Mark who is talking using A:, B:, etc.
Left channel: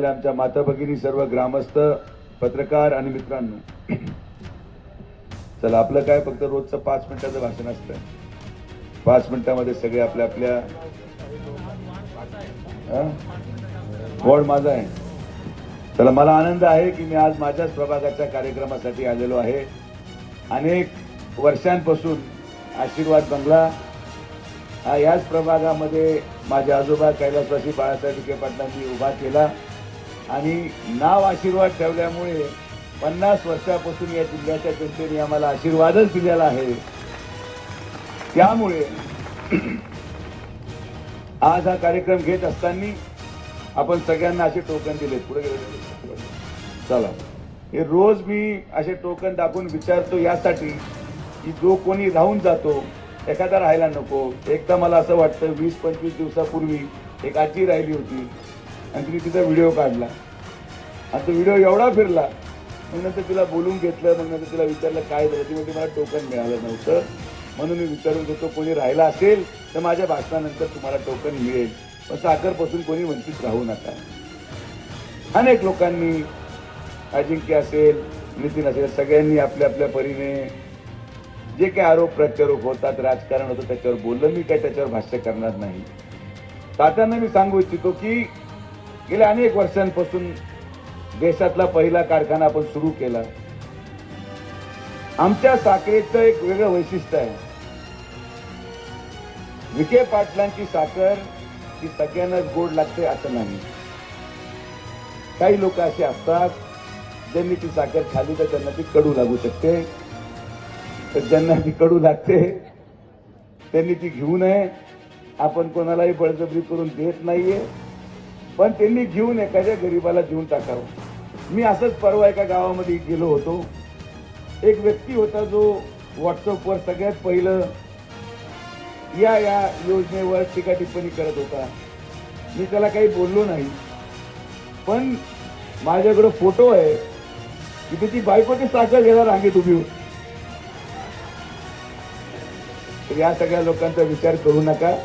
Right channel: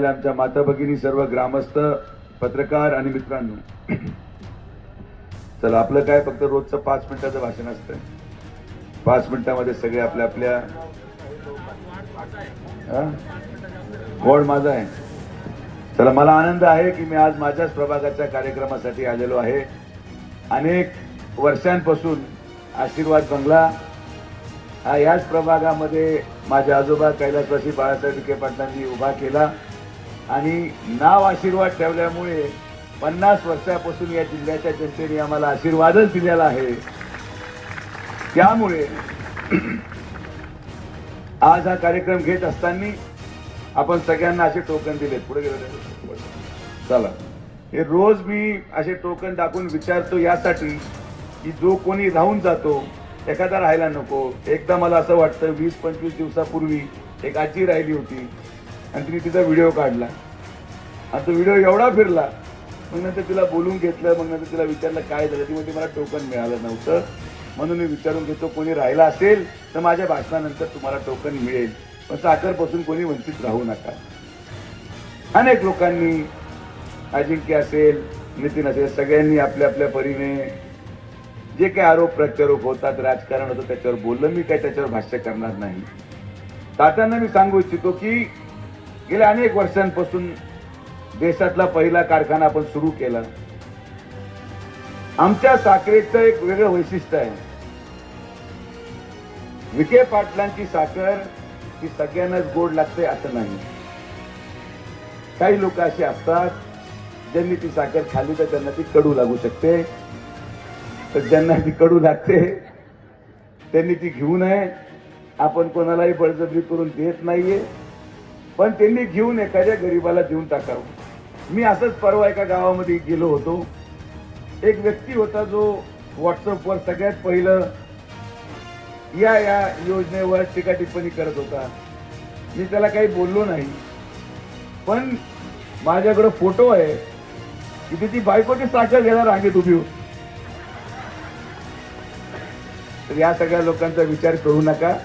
A: असलेल्या आमच्या माता भगिनी सर्व ग्रामस्थ पत्रकार आणि मित्रांनो चला आपलं काय फक्त रोजचं पाच मिनिटाचं भाषण असतं पाच मिनिटामध्ये सगळे आपल्या आपल्या कोण माझा आहे चला मला आनंद आहे की मी आज माझ्याच प्रभागाच्या कार्यक्रमासाठी आलेलो आहे अनेक वर्षांपासून आशीर्वाद बंगला हा याच प्रभागामध्ये माझे आजोबा कैलासवासी बाळासाहेब विखे पाटलांनी उभा केला आणि नाव आशीर्वाद ठेवल्यामुळे पन्नास वर्षापासून या जिल्ह्याच्या जनतेने आम्हाला आशीर्वादच दिलेला आहे त्यामुळे आज हा कार्यक्रम घेत असताना आपण सगळ्यांना असे टोकन दिले पुढे गेले चला हे रोज मी असे टोकन दाखवून विचारतो यासाठी की जो कोणी राहून जातो एखादा राहायला नको एकदा मला असं वाटतं वीस पंचवीस दिवसापूर्वी एक आजी राहिली होती आणि तिने तिचा व्हिडिओ काढला आणि तो व्हिडिओ एवढा फिरला मग नंतर तिला बोलून घेतलं मग नंतर तिला विचारलं काय झालं ती म्हणजे मला टोकन मिळालं नव्हतं म्हणून मी विचारून घेतो कोणी राहिला असेल तर माझ्या भाषणानंतर तुम्हाला टोकन मिळेल पण साखरपासून कोणी वंचित राहू नका अनेक लोकांनी अजिंक्य असेल नितीन असेल सगळ्यांनी आपल्या आपल्या परीने जे काही आरोप प्रत्यारोप होतात राजकारण होतं त्याच्यावर बोललं मी काही त्याच्यावर भाष्य करणार नाही तात्यांना मी सांगू इच्छितो की गेल्या अनेक वर्षांपासून देशातला पहिला कारखाना आपण सुरू केला आमच्या साखरेचं एक वेगळं वैशिष्ट्य आहे विखे पाटलांची साखर ही सगळ्यांनाच गोड लागते असं नाही काही लोक असे असतात ज्यांनी ती साखर खाली तर त्यांना ती कडू लागू शकते तर ज्यांना ती कडू लागते त्यांनी ती घेऊ नये आपण कोणालाही बळजबरी करून देत नाहीये पण त्यांनी घेऊन एखाद्या गरीबाला देऊन टाकावं मी असंच परवा एका गावामध्ये गेलो होतो एक व्यक्ती होता जो व्हॉट्सअपवर सगळ्यात पहिलं या या योजनेवर टीका टिप्पणी करत होता मी त्याला काही बोललो नाही पण माझ्याकडे फोटो आहे की त्याची बायकोची साखर घेणार रांगेत तुम्ही या सगळ्या लोकांचा विचार करू नका